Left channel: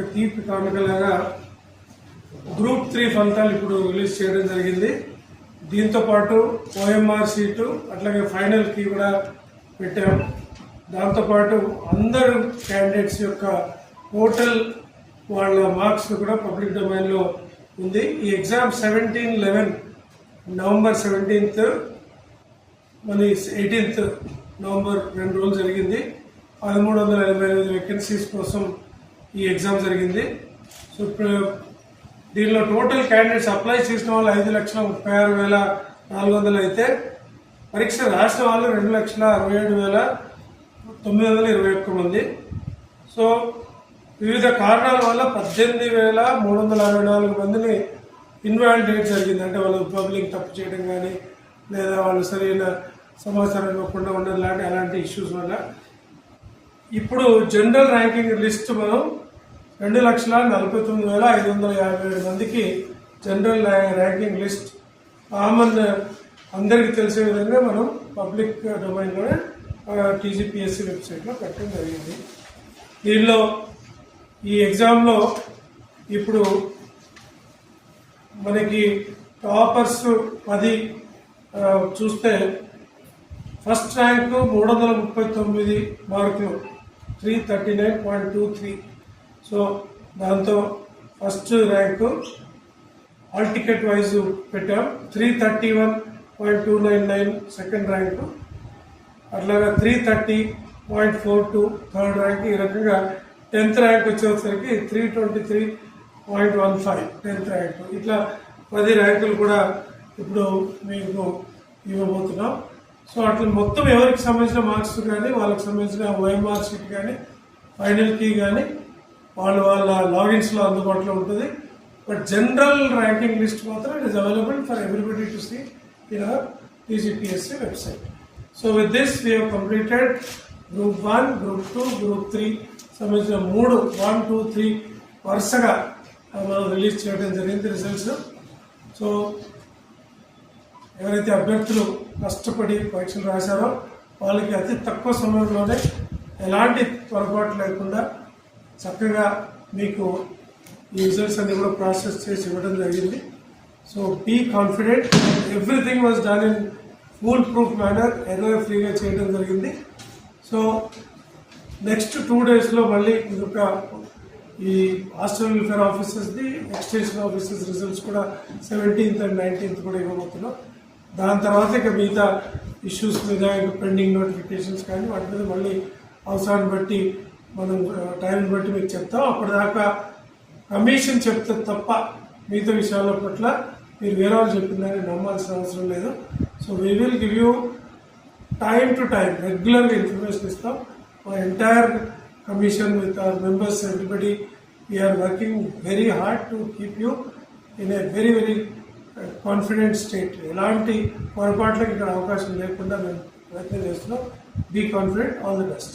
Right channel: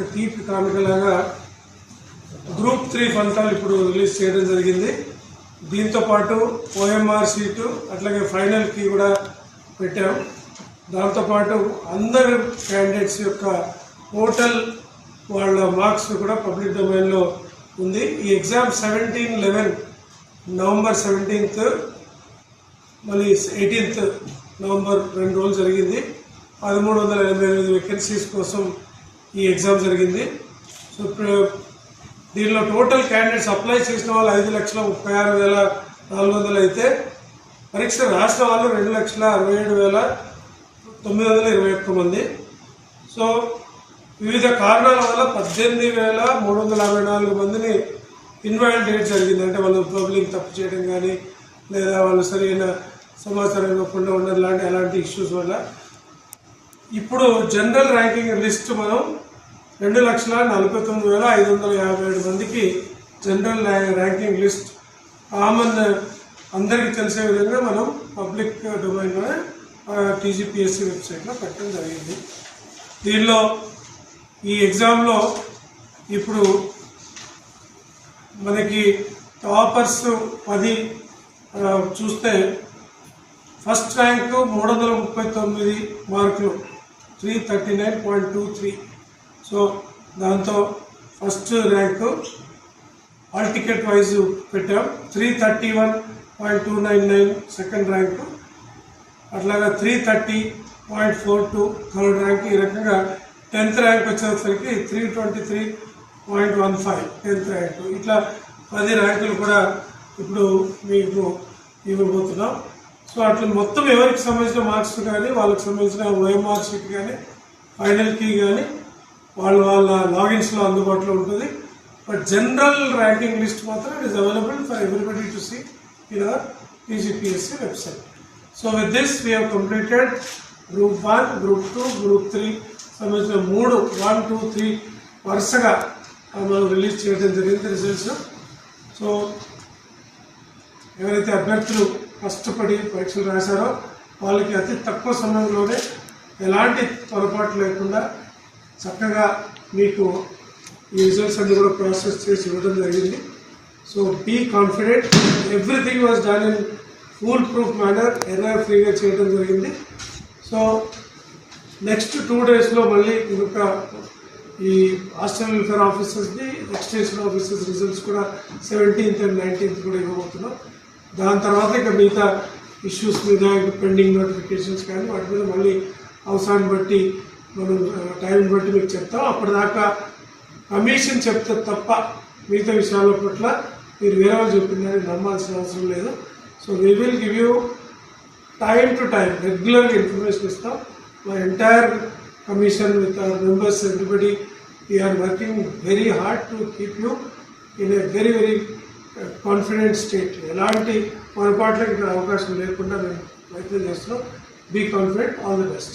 ఒక తీపి కానుకలాగా గ్రూప్ 3 ఫలితాలు ఇప్పుడు రిలీజ్ చేయడం జరిగింది. దీంతో పాటు OMR షీటు అట్లాగే ఫైనల్ కీ కూడా పెట్టాం. దాంతోపాటు అందరు క్యాండిడేట్స్ యొక్క టోటల్ వాళ్ళ మార్క్స్ కూడా పబ్లిక్ డొమైన్లో ఉంది. ఈ ఎగ్జామ్ 17-11 నవంబర్ 17th మళ్ళీ 18th నవంబర్ 2 రోజులు జరిగింది. 1388 వేకెన్సీస్ కోసం ఈ ఎగ్జామ్ జరిగింది. సో ఇప్పుడు దీనిలో టోటల్ క్యాండిడేట్స్ అప్లై చేసిన వాళ్ళు 5,36,400 అయితే పరీక్ష రాసిన వాళ్ళు 2,67,921 మంది. సో వివిధ కారణాల వల్ల 18,364 మందిని ఇన్వాలిడేట్ జరిగింది. అంటే వాళ్ళు పబ్లిక్ తప్పు చేయడం కానీ లేదా వాళ్ళు సరైన సమాచారం ఇవ్వకుండా ఉండడం అలాంటి ఇష్యూస్ వల్ల ఇప్పుడు జనరల్ ర్యాంకింగ్ లిస్ట్ మనం 2,49,557 మందికి జనరల్ ర్యాంకింగ్ లిస్ట్ కామన్ అందరికీ తెలిసే విధంగా మనం పబ్లిక్ డొమైన్లోనే TGPSC వెబ్సైట్లో పెట్టడం జరిగింది. దీనిలో ఈ ఎగ్జామ్లో ఇప్పుడు మనకి టాపర్స్ 10 చూస్తే ఫస్ట్ ర్యాంకు 339 మార్కులు 339.23. సో దాంతో first rank all ticket wise పెట్టాం. 331.299 సెకండ్ ర్యాంకు, అట్లాగా 330.42 థర్డ్ ర్యాంక్. ఈ రకంగా 10th ర్యాంక్ వచ్చేసరికి 323.15 10th ర్యాంకు. ఇట్లా 10 ర్యాంకులు కూడా ఇప్పుడు మీకు ఇవ్వబోతున్నాం. సో అట్లా మొత్తం ఎవరికి సంబంధించిన మార్క్స్ కానీ వాళ్ళకి సంబంధించిన OMR షీట్ కానీ ఫైనల్ కీ కానీ వాళ్ళ లాగిన్స్లో అందుబాటులో ఉంటుంది. బట్ జనరల్ ర్యాంకింగ్ లిస్ట్ మాత్రం it is available for everybody to see in our TGPSC website. So with this we have completed group 1, group 2, group 3 సంబంధించిన 3 1, 2, 3 వరుసగా మనం రిలీజ్ చేయడం జరిగింది రిజల్ట్స్. సో ఎవరైతే అభ్యర్థులు కష్టపడి పరీక్షలు రాశారో వాళ్ళకి అతి తక్కువ సమయంలోనే ఎలాంటి పొరపాటు లేకుండా చక్కగా మీకు ఈ రిజల్ట్స్ అన్ని కూడా ప్రాసెస్ చేసి ఇవ్వడం జరిగింది. So be confident, everything was done in full proof manner, error ఫ్రీగా చేయడం జరిగింది. సో నెక్స్ట్ 2 డేస్లో మళ్ళీ ఇంకొక ఈ హాస్టల్ వెల్ఫేర్ ఆఫీసర్స్ది ఎక్స్టెన్షన్ ఆఫీసర్స్ రిజల్ట్స్ కూడా 17th and 19th కూడా ఇవ్వబోతున్నాం. దాని తర్వాత ఇక మిగతా ఇష్యూస్ మీద ఇంకా పెండింగ్ నోటిఫికేషన్స్ కానీ వాటి మీద మళ్ళీ అవసరాన్ని బట్టి మనం టైం బట్టి మీకు చెప్తాం. అప్పటిదాకా కమిషన్ చెప్తే తప్ప మిగతా విషయాల పట్ల మీరు వేరే వాళ్ళు చెప్పిందని నమ్మాల్సిన అవసరం లేదు. So we will give you time to time రెగ్యులర్గా ఇన్ఫర్మేషన్ ఇస్తాం. మా entire commission with our members, everybody, we are working very hard to keep you in a very confident state. ఎలాంటి పొరపాట్లకు ఇక్కడ అవకాశం లేకుండా మేము ప్రయత్నం చేస్తున్నాం. Be confident. All the best.